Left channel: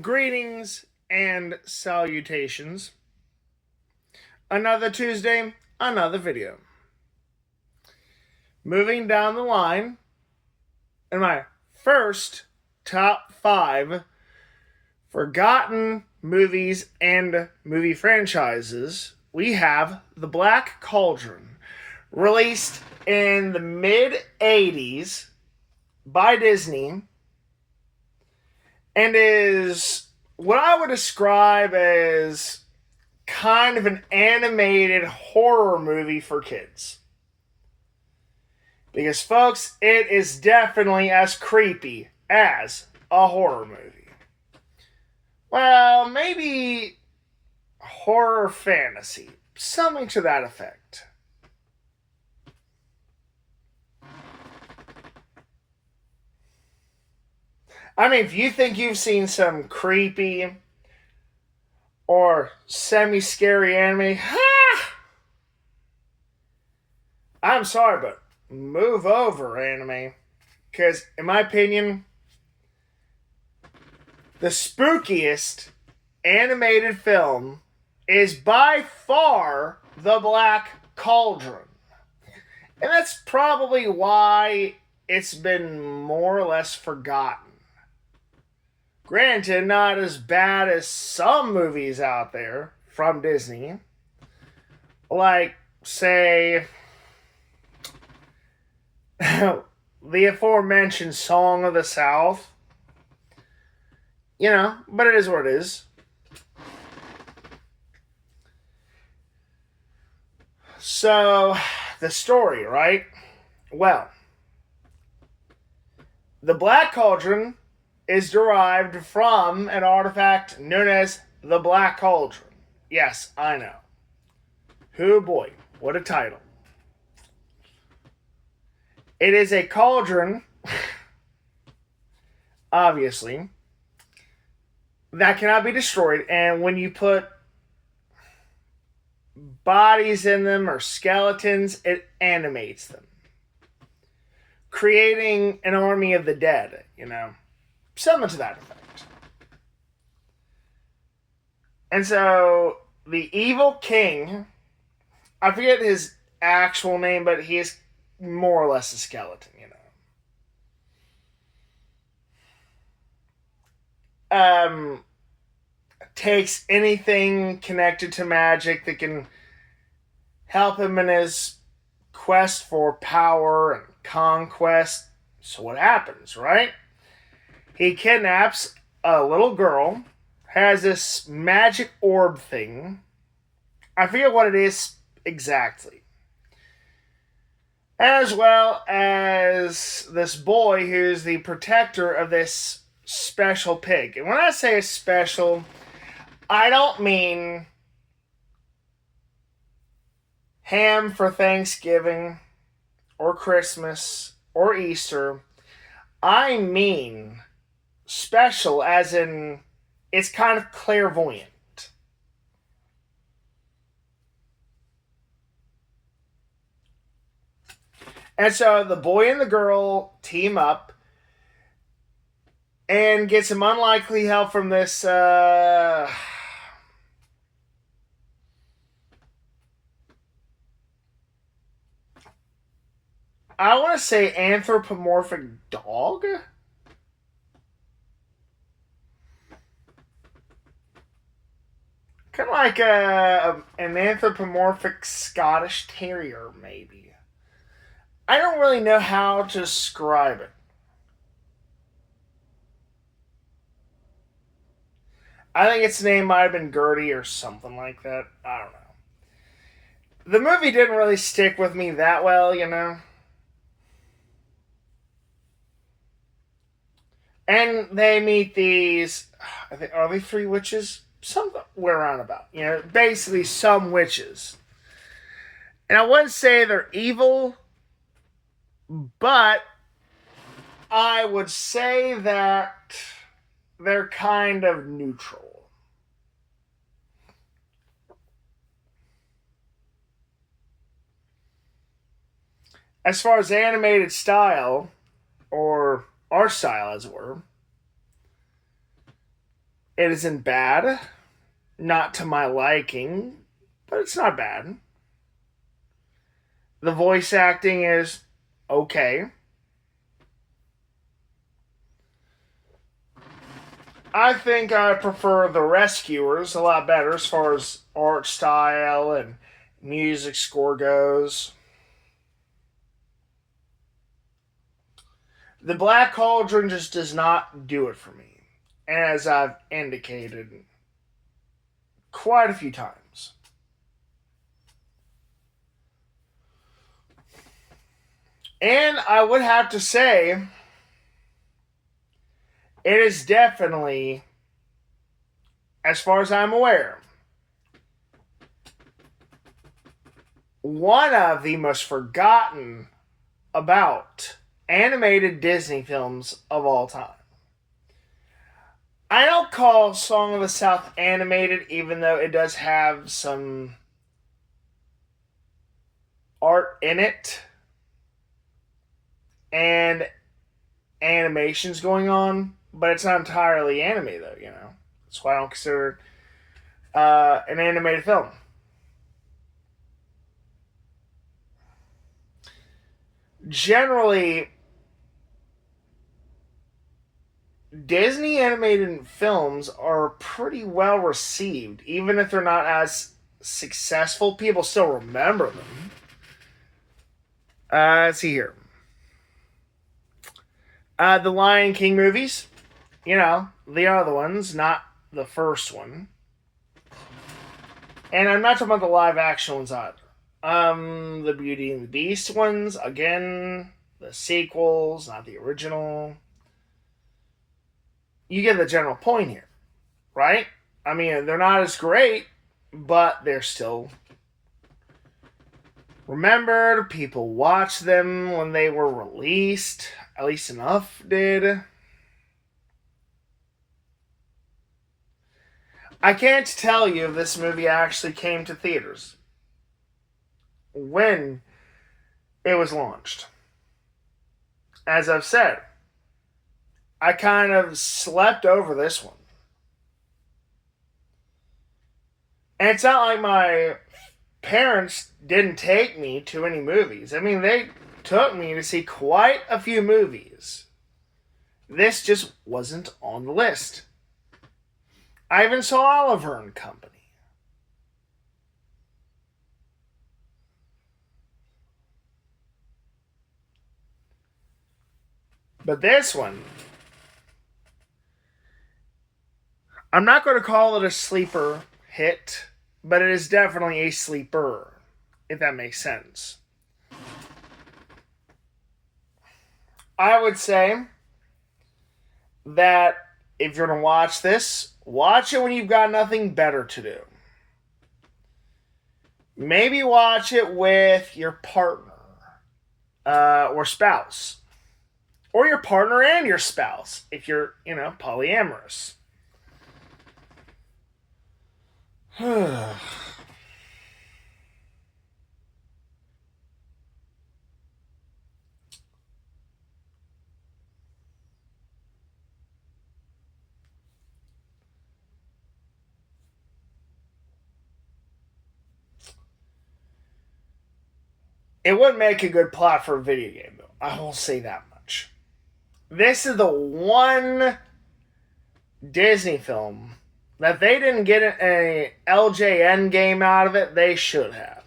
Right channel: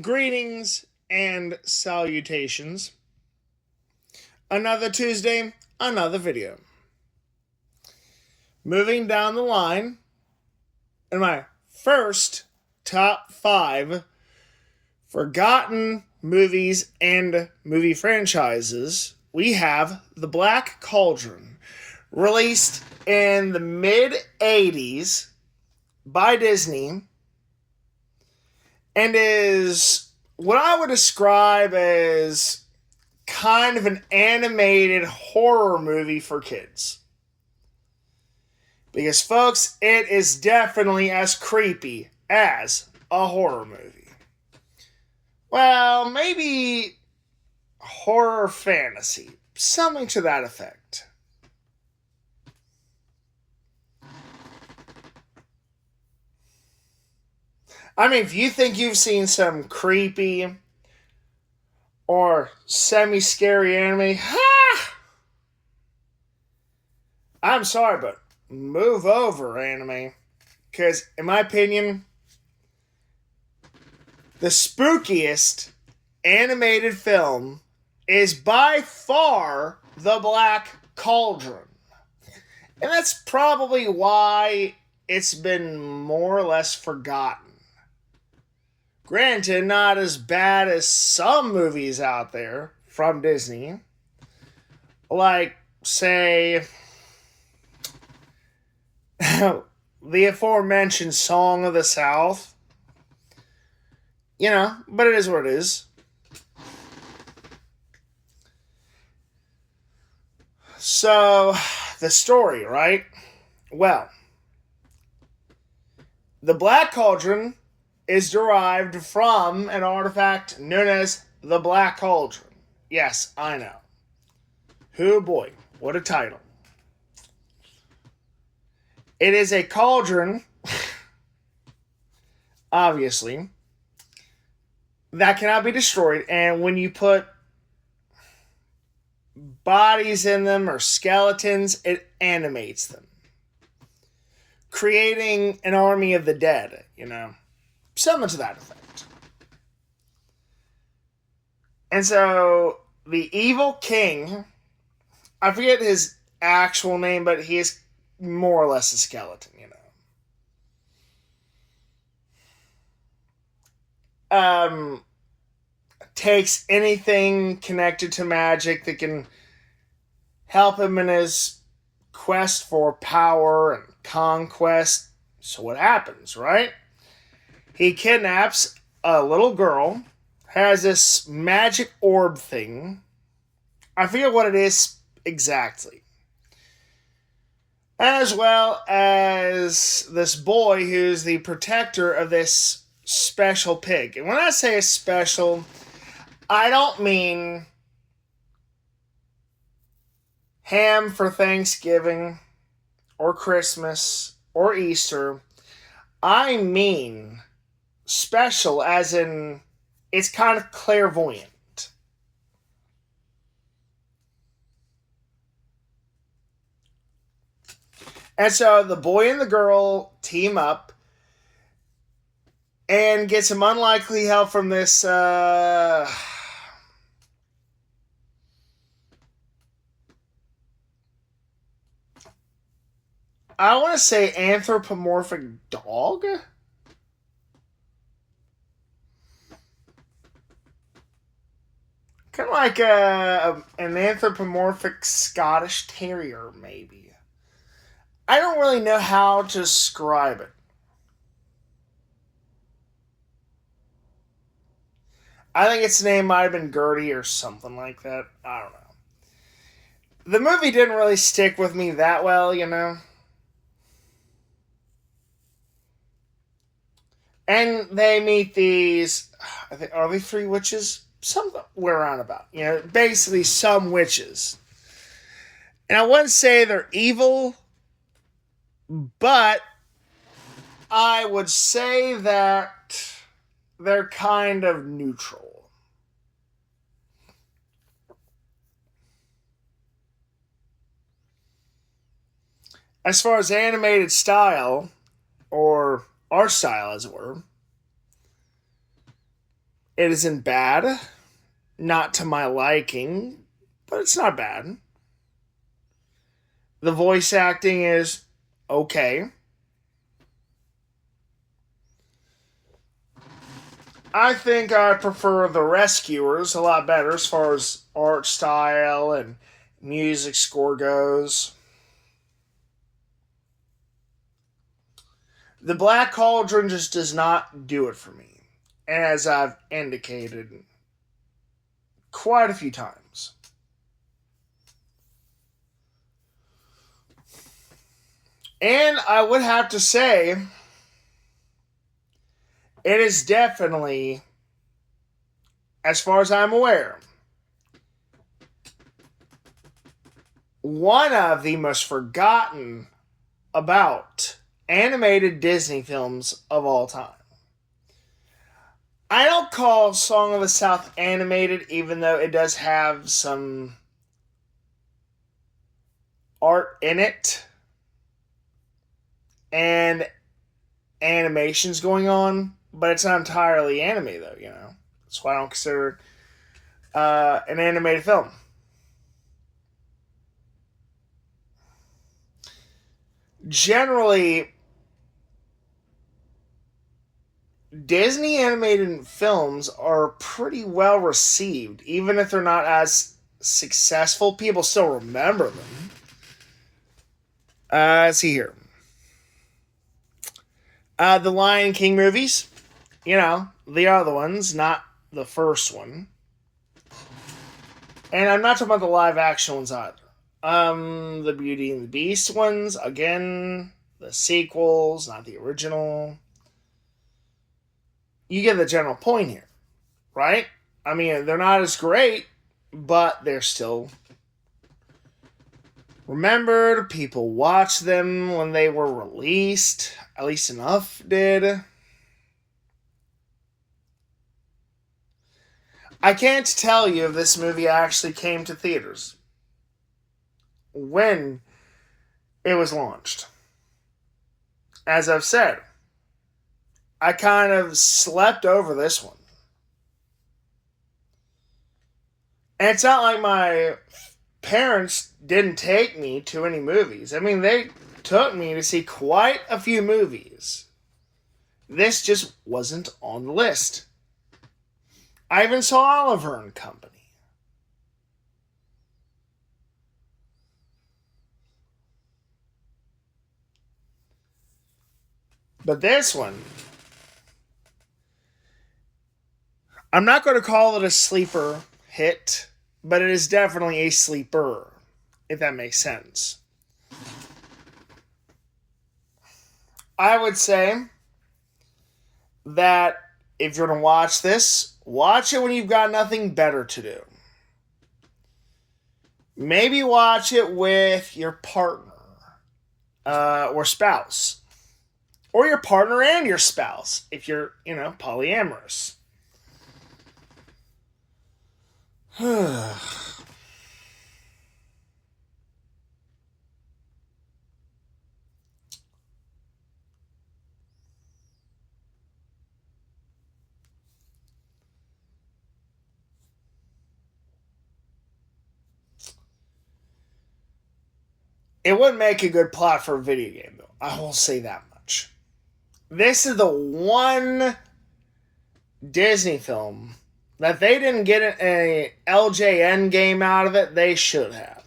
Greetings and salutations. Another Tuesday, another video. Moving down the line, in my first top 5 forgotten movies and movie franchises, we have The Black Cauldron, released in the mid 80s by Disney, and is what I would describe as kind of an animated horror movie for kids. Because, folks, it is definitely as creepy as a horror movie. Well, maybe horror fantasy, something to that effect. I mean, if you think you've seen some creepy or semi-scary anime, I'm sorry, but move over, anime. Because, in my opinion, the spookiest animated film is by far The Black Cauldron. And that's probably why it's been more or less forgotten. Granted, not as bad as some movies out there from Disney. Like, say, the aforementioned Song of the South. But it is what it is. So, the story, right? Well, the Black Cauldron is derived from an artifact known as the Black Cauldron. Yes, I know. Oh boy, what a title. It is a cauldron, obviously, that cannot be destroyed, and when you put bodies in them or skeletons, it animates them, creating an army of the dead, something to that effect. And so the evil king, I forget his actual name, but he is more or less a skeleton, takes anything connected to magic that can help him in his quest for power and conquest. So what happens, right? He kidnaps a little girl, has this magic orb thing. I forget what it is exactly. As well as this boy who's the protector of this special pig. And when I say special, I don't mean ham for Thanksgiving or Christmas or Easter. I mean special as in it's kind of clairvoyant. And so the boy and the girl team up and get some unlikely help from this I want to say anthropomorphic dog. Kind of like an anthropomorphic Scottish Terrier, maybe. I don't really know how to describe it. I think its name might have been Gertie or something like that. I don't know. The movie didn't really stick with me that well, And they meet these, are they 3 witches? Somewhere around about. Basically some witches. And I wouldn't say they're evil, but I would say that they're kind of neutral. As far as animated style, or art style as it were, It isn't bad, not to my liking, but it's not bad. The voice acting is okay. I think I prefer The Rescuers a lot better as far as art style and music score goes. The Black Cauldron just does not do it for me, as I've indicated quite a few times. And I would have to say, it is definitely, as far as I'm aware, one of the most forgotten about animated Disney films of all time. I don't call Song of the South animated, even though it does have some art in it and animations going on, but it's not entirely anime, though, you know? That's why I don't consider it an animated film. Generally, Disney animated films are pretty well received, even if they're not as successful. People still remember them. Let's see here. The Lion King movies, you know, the other ones, not the first one. And I'm not talking about the live action ones either. The Beauty and the Beast ones, again, the sequels, not the original. You get the general point here, right? I mean, they're not as great, but they're still remembered. People watched them when they were released. At least enough did. I can't tell you if this movie actually came to theaters when it was launched. As I've said, I kind of slept over this one. And it's not like my parents didn't take me to any movies. I mean, they took me to see quite a few movies. This just wasn't on the list. I even saw Oliver and Company. But this one, I'm not going to call it a sleeper hit, but it is definitely a sleeper, if that makes sense. I would say that if you're going to watch this, watch it when you've got nothing better to do. Maybe watch it with your partner or spouse. Or your partner and your spouse, if you're, polyamorous. It wouldn't make a good plot for a video game, though. I will say that much. This is the one Disney film that they didn't get an LJN game out of it. They should have.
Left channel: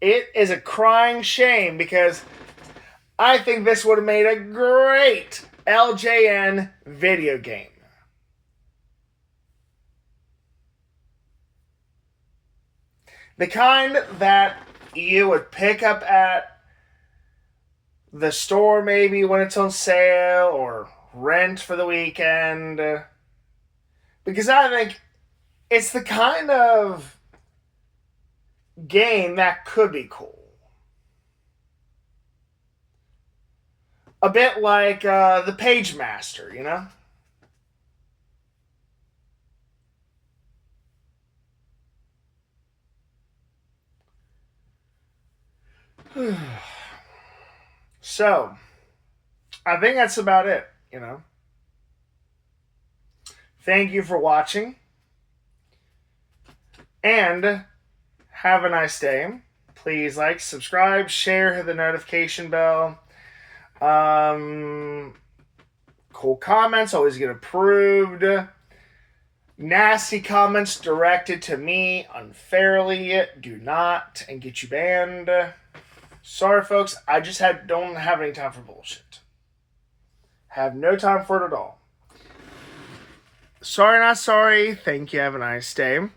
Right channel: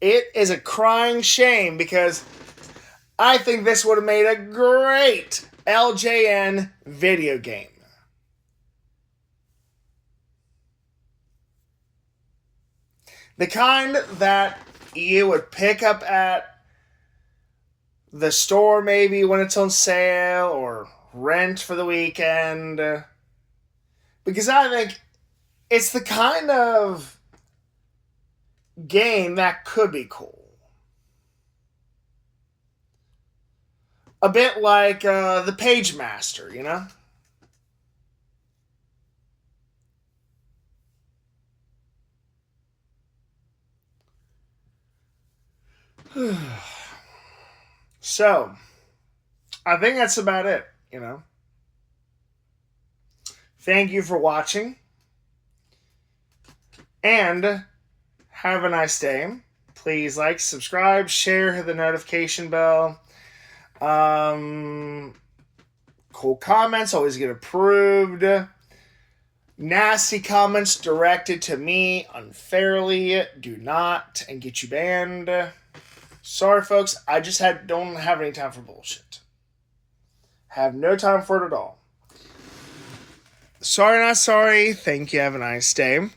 It is a crying shame because I think this would have made a great LJN video game. The kind that you would pick up at the store maybe when it's on sale or rent for the weekend. Because I think it's the kind of game that could be cool. A bit like the Page Master, you know? So, I think that's about it, Thank you for watching. And have a nice day. Please like, subscribe, share, hit the notification bell. Cool comments always get approved. Nasty comments directed to me unfairly do not and get you banned. Sorry, folks. I just don't have any time for bullshit. Have no time for it at all. Sorry, not sorry. Thank you. Have a nice day.